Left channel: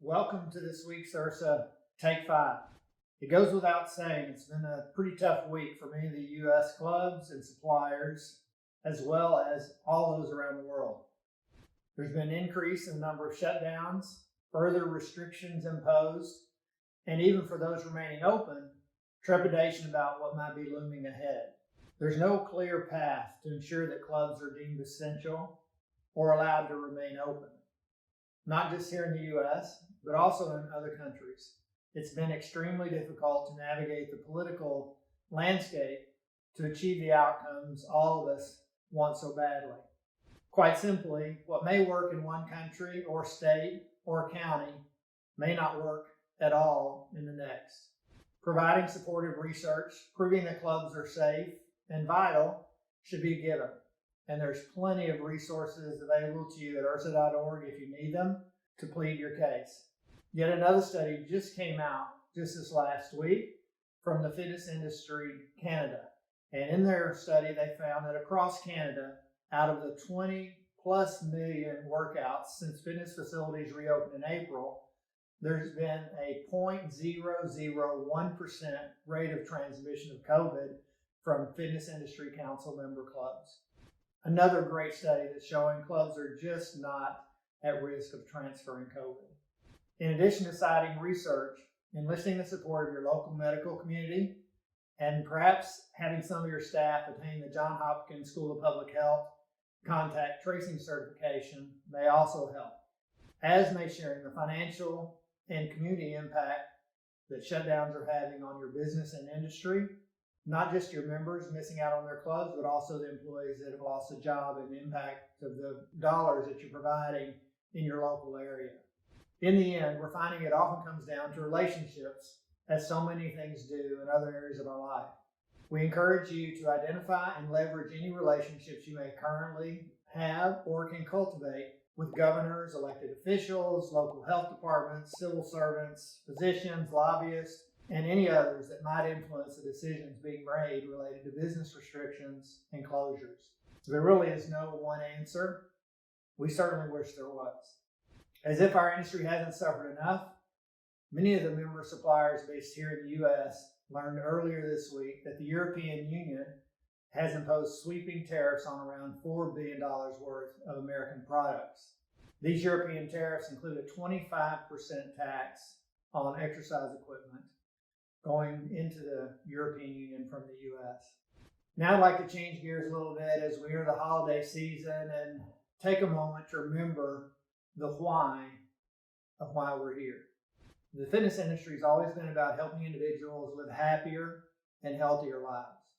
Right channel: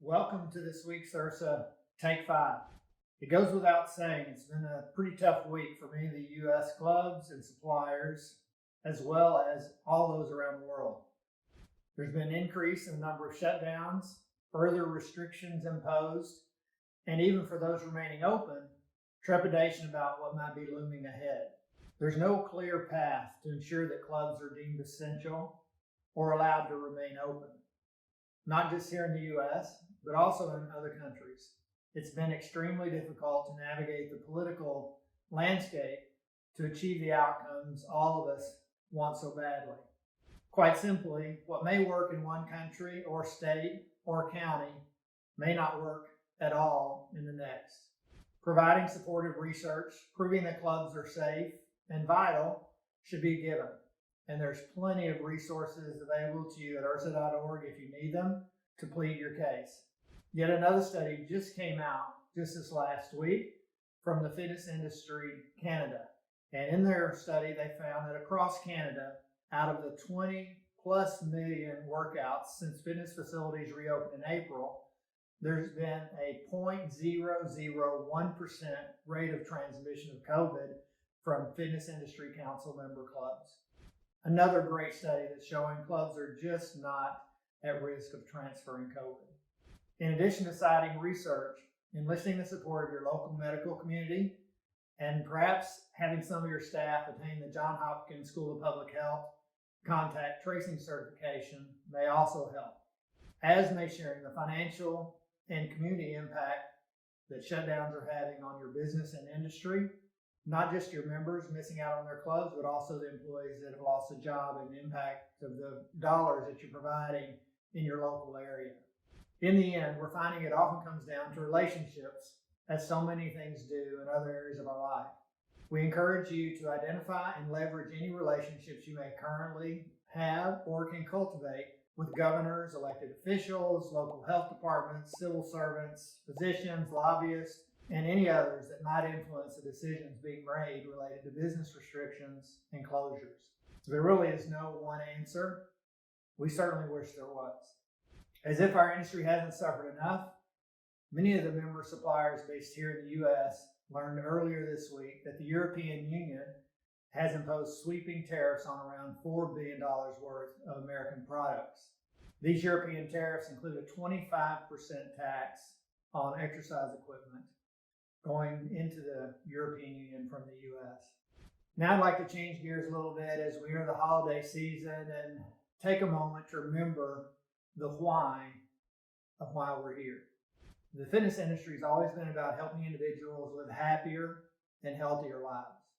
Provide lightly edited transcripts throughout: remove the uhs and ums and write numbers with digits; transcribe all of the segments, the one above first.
Welcome to this week's IHRSA Take 5. It goes without saying it's been a pretty tough week for many of the U.S. clubs and suppliers, as well as all those around the world. There's been an increase in the number of shutdowns, further restrictions imposed, and even for those remaining open, trepidation about what might be looming ahead. There's no clear path to ensure that clubs are deemed essential or allowed to remain open. Not just here in the U.S., but also in other countries. It's been extremely difficult to navigate the political landscape to achieve the outcomes all of us want so badly. Quite simply, what may work in one country or state or county may not work at all in the next. Providing supportive research, proving that clubs are safe and vital should be given. And there's plenty of resources available to you at IHRSA.org if you need them to plead your case. Yet another study just came out just this last week from the Fitness Industry Canada. And in their study, they found that across Canada, out of the 20+ million workouts since fitness facilities reopened in April, there's been a 0.001% rate of transmission of COVID from Fitness Industry Council member clubs. Another great study that's showing clubs are just not at risk of transferring COVID. In addition to citing research, enlisting the support of your local medical community, and perhaps having some of your staff attain the Johns Hopkins School of Public Health contact tracing certification may also help, as may sharing the financial and community impact that shutdowns are having on your business and industry. Not just your members missing out on their clubs, but also the employees that have lost a job and the impact of the dollars that you're providing in your local area. In the end, we're finding it often comes down to relationships, as so many things do in other areas of our life. We encourage you to identify and leverage any relationships you may currently have or can cultivate with governors, elected officials, local health departments, civil servants, physicians, lobbyists, and any others that might influence the decisions being made related to business restrictions and closures. There really is no one answer. We certainly wish there was. As if our industry hasn't suffered enough, many of the member suppliers based here in the U.S. learned earlier this week that the European Union has imposed sweeping tariffs on around $4 billion worth of American products. These European tariffs include a 25% tax on exercise equipment going into the European Union from the U.S. Now I'd like to change gears a little bit as we enter the holiday season and take a moment to remember the why of why we're here. The fitness industry has always been about helping individuals live happier and healthier lives,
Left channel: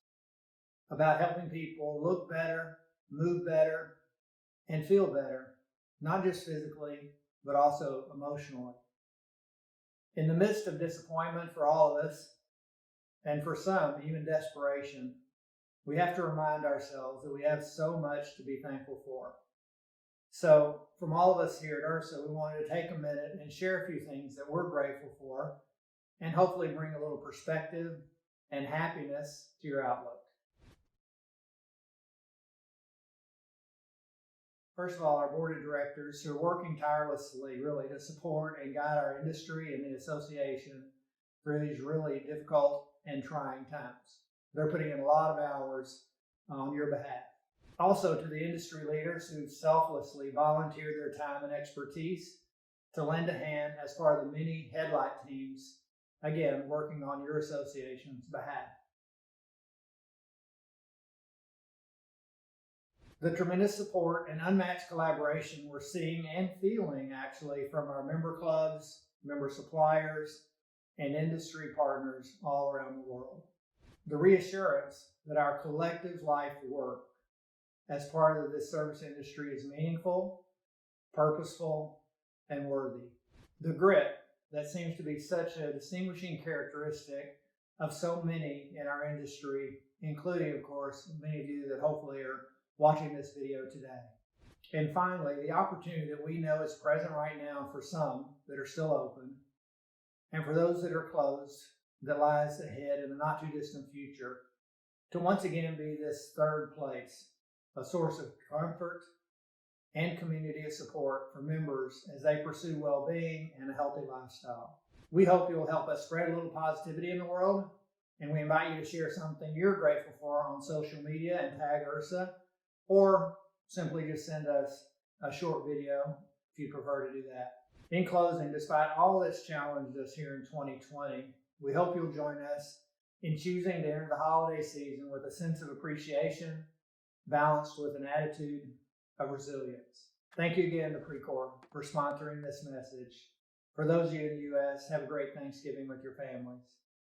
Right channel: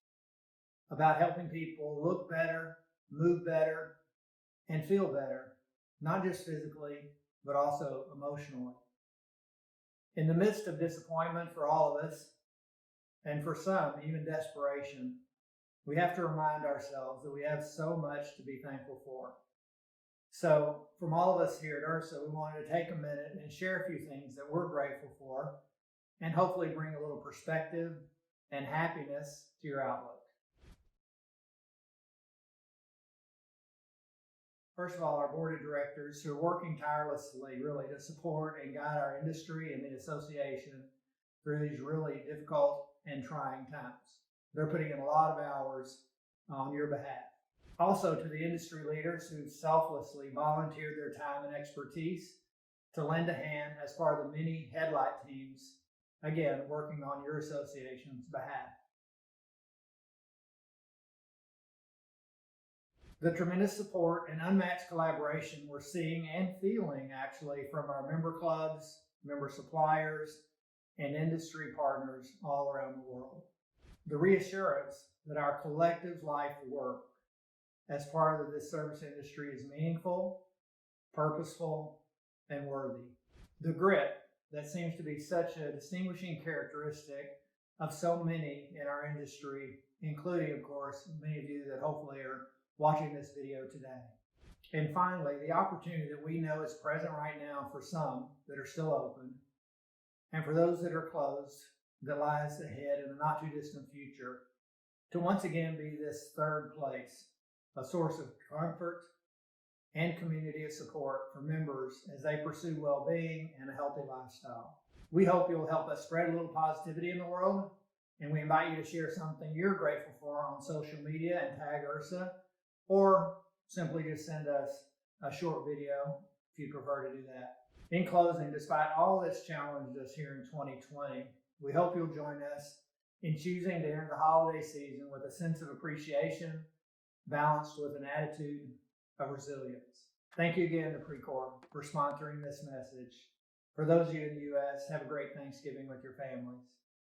about helping people look better, move better, and feel better, not just physically, but also emotionally. In the midst of disappointment for all of us, and for some, even desperation, we have to remind ourselves that we have so much to be thankful for. So, from all of us here at IHRSA, we wanted to take a minute and share a few things that we're grateful for, and hopefully bring a little perspective and happiness to your outlook. First of all, our board of directors who are working tirelessly really to support and guide our industry and the association through these really difficult and trying times. They're putting in a lot of hours on your behalf. Also to the industry leaders who selflessly volunteered their time and expertise to lend a hand as part of the many headlight teams, again, working on your association's behalf. The tremendous support and unmatched collaboration we're seeing and feeling actually from our member clubs, member suppliers, and industry partners all around the world. The reassurance that our collective life work as part of this service industry is meaningful, purposeful, and worthy. The grit that seems to be such a distinguishing characteristic of so many in our industry, including, of course, many of you that hopefully are watching this video today. And finally, the opportunity that we know is present right now for some that are still open, and for those that are closed, that lies ahead in the not too distant future, to once again be this third place, a source of comfort and community of support for members as they pursue well-being and a healthy lifestyle. We hope you'll help us spread a little positivity in the world, and we invite you to share something you're grateful for on social media and tag IHRSA, or simply just send us a short video if you prefer to do that. In closing, despite all that's challenged us here in 2020, we hope you'll join us in choosing to enter the holiday season with a sense of appreciation, balanced with an attitude of resilience. Thank you again to Precor for sponsoring this message. For those of you in the U.S., have a great Thanksgiving with your families.